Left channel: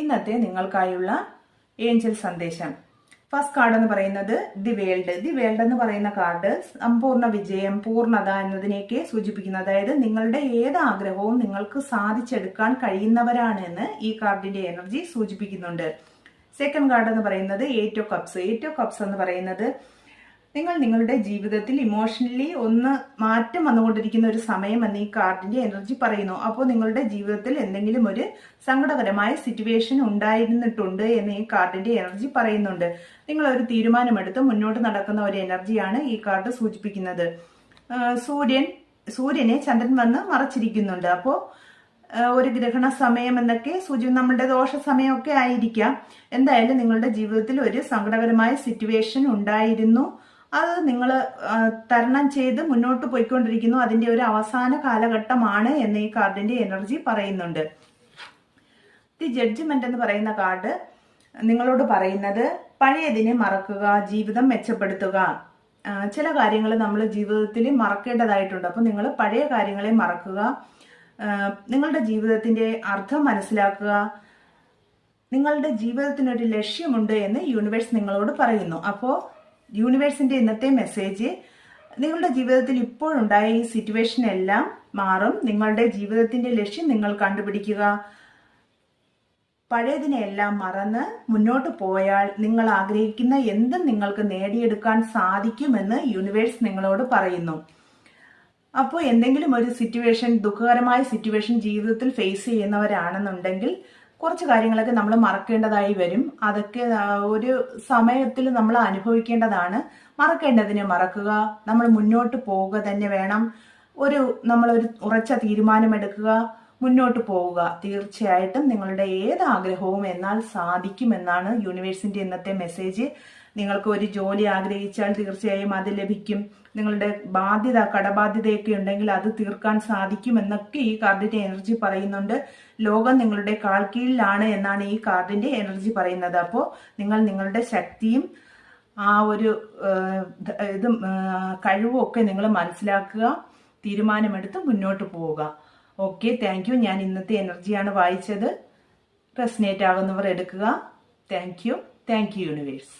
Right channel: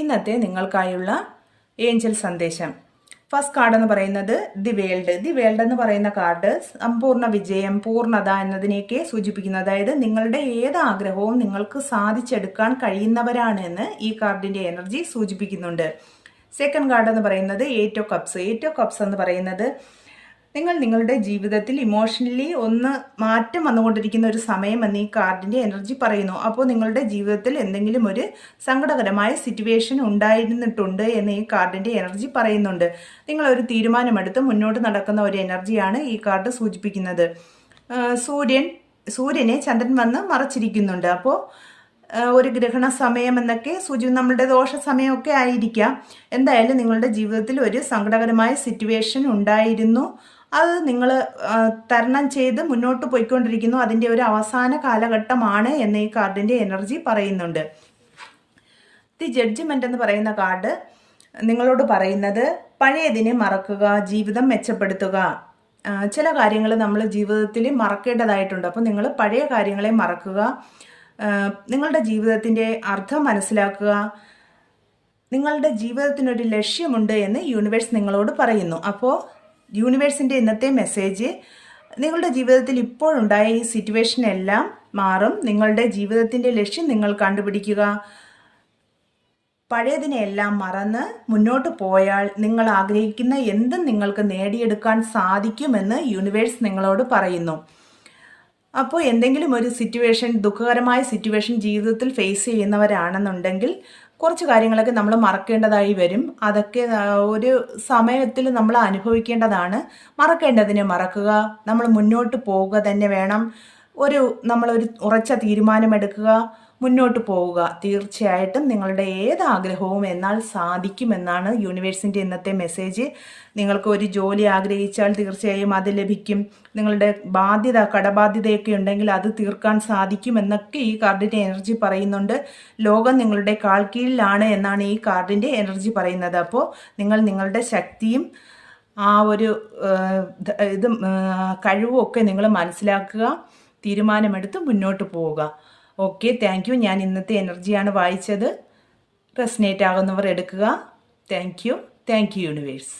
ഇന്നത്തെ നിങ്ങൾക്കായുള്ള ഏഞ്ചൽ സന്ദേശം. First card എന്ന് പറയുന്നത് ദി വേൾഡ്. ദി വേൾഡ് എന്ന് പറയുന്ന കാർഡ് സമ്പൂർണ്ണ വിജയം, പൂർണ്ണത എന്നതിനെയൊക്കെ സൂചിപ്പിക്കുന്നു. അതായത് നിങ്ങളുടെ ഏത് ആഗ്രഹവും നിങ്ങൾക്ക് സാധിച്ചെടുക്കാൻ കഴിയുന്നവരാണ് എന്ന് ഈ കാർഡിന്റെ എനർജി സൂചിപ്പിക്കുന്നുണ്ട്. സെക്കൻഡ് കാർഡ് എന്ന് പറയുന്നത് eight of cups. Eight of cups എന്ന് പറയുന്നത് നിങ്ങൾ നിങ്ങളുടെ ജീവിതത്തിൽ ഇമോഷണലി ഒന്ന് മാറ്റം വന്നുകൊണ്ടിരിക്കുന്ന ഒരു സമയം എന്ന് ഈ കാർഡിന്റെ എനർജി പറയുന്നു. അപ്പോൾ നിങ്ങളുടെ ജീവിതത്തിൽ എന്തെങ്കിലും ഒരു സങ്കടകരമായ സിറ്റുവേഷൻ ഉണ്ടായിരുന്നിട്ടുണ്ട് എന്ന് ഈ കാർഡിന്റെ എനർജി പറയുന്നുണ്ട്. നിങ്ങൾ ഒരു തീരുമാനമെടുത്ത് മുന്നോട്ട് നടക്കുന്ന ഒരു എനർജിയാണ് ഈ കാർഡ് സൂചിപ്പിക്കുന്നത്. സൂര്യനെ ചന്ദ്രൻ വന്ന് മറച്ചിരിക്കുന്നുണ്ട്. അപ്പോൾ ഒരു ഗ്രഹണ സമയം എന്നൊക്കെ നമ്മുടെ ദോഷ സമയമൊക്കെ ആയിരിക്കാം. എന്തായാലും നിങ്ങളുടെ ജീവിതത്തിൽ ഒരു സങ്കടകരമായ സിറ്റുവേഷൻ ഉണ്ടായിരുന്നു. അത് നിങ്ങൾ തരണം ചെയ്ത് മുന്നോട്ട് പോയിക്കൊണ്ടിരിക്കുന്നു. അതിൻ്റെ ഒരു അവസാന കാലഘട്ടമാണ് എന്ന് ഈ കാർഡിൻ്റെ എനർജി പറയുന്നുണ്ട്. ദി ജഡ്ജ്മെന്റ് എന്ന് പറയുന്ന കാർഡ് നിങ്ങളോട് പറയുന്നത് പഴയതിനെ മറക്കുക, ജീവിതം മെച്ചപ്പെടുത്തുക. ചില കാര്യങ്ങൾ നമ്മൾ ജീവിതത്തിൽ മറക്കേണ്ടതായിട്ടുണ്ട്. അപ്പോൾ നിങ്ങൾ പഴയ കാര്യങ്ങളെ മറക്കുക, നിങ്ങളുടെ ജീവിതത്തിൻ്റെ അർത്ഥം മനസ്സിലാക്കുക. നിങ്ങളുടെ ജീവിതത്തിനൊരു ലക്ഷ്യമുണ്ട് എന്ന് യൂണിവേഴ്സ് നിങ്ങളോട് പറയുന്നു. അപ്പോൾ യൂണിവേഴ്സിൻ്റെ ഇന്നത്തെ മെസ്സേജ്, നിങ്ങളുടെ ജീവിതത്തിൽ ഇപ്പോഴുണ്ടായ ഈ സിറ്റുവേഷൻ എല്ലാം മാറും. നിങ്ങളുടെ ജീവിതത്തിൻ്റെ ലക്ഷ്യം നിങ്ങൾ കണ്ടുപിടിക്കുക. പഴയതിനെല്ലാം മറന്ന് മുന്നോട്ട് പോയാൽ നിങ്ങൾ ആഗ്രഹിക്കുന്ന എന്തും നിങ്ങൾക്ക് നേടിയെടുക്കാൻ സാധിക്കുമെന്ന് യൂണിവേഴ്സ് നിങ്ങളോട് പറയുന്നു. അപ്പോൾ എന്തെങ്കിലും ഒരു സിറ്റുവേഷൻ, ദുഃഖകരമായ സിറ്റുവേഷൻ ജീവിതത്തിൽ ഫേസ് ചെയ്യുന്നവരാണെന്നുണ്ടെങ്കിൽ കുറച്ച് കാര്യങ്ങളൊക്കെ നമ്മൾ മറക്കേണ്ടതായി വരും. അതൊക്കെ ഒരു സമയത്തിൽ നമ്മൾ അനുഭവിക്കേണ്ടതാണ്. മറക്കേണ്ടതിനെ മറക്കുക, നമ്മൾ മുന്നോട്ട് പോവുക തന്നെ വേണം. നമ്മളൊരു ഉറച്ച തീരുമാനമെടുക്കുക, മുന്നോട്ട് പോവുക. തീർച്ചയായിട്ടും നിങ്ങളുടെ ഏത് ആഗ്രഹവും എന്നാൽ സാധിക്കുമെന്നാണ് യൂണിവേഴ്സിൻ്റെ ഇന്നത്തെ മെസ്സേജ്. നിങ്ങൾക്ക് ഒരു ജോലി ആഗ്രഹിച്ചാൽ തീർച്ചയായും അത് ലഭിക്കും. നിങ്ങളുടെ കടബാധ്യതയൊക്കെ ഉണ്ടെങ്കിൽ അത് തീർക്കാൻ സാധിക്കുമെന്നൊക്കെ ഈ കാർഡിൻ്റെ എനർജി പറയുന്നുണ്ട്. ലോകം നിങ്ങളുടെ കാൽക്കീഴിലാണ് എന്നാണ് ഈ കാർഡിൻ്റെ എനർജി പറയുന്നത്. അപ്പോൾ നിങ്ങൾ നിങ്ങളുടെ ശക്തിയും ആ ഒരു കഴിവും ഒക്കെ നിങ്ങൾ മനസ്സിലാക്കുക, തീരുമാനമെടുത്ത് മുന്നോട്ട് പോവുക. Okay, thank you. ഞാൻ ഇന്നത്തെ എനർജിയാണ് വായിച്ചത്. റെസനേറ്റ് ആകുന്നവർ എടുക്കുക. Thank you universe.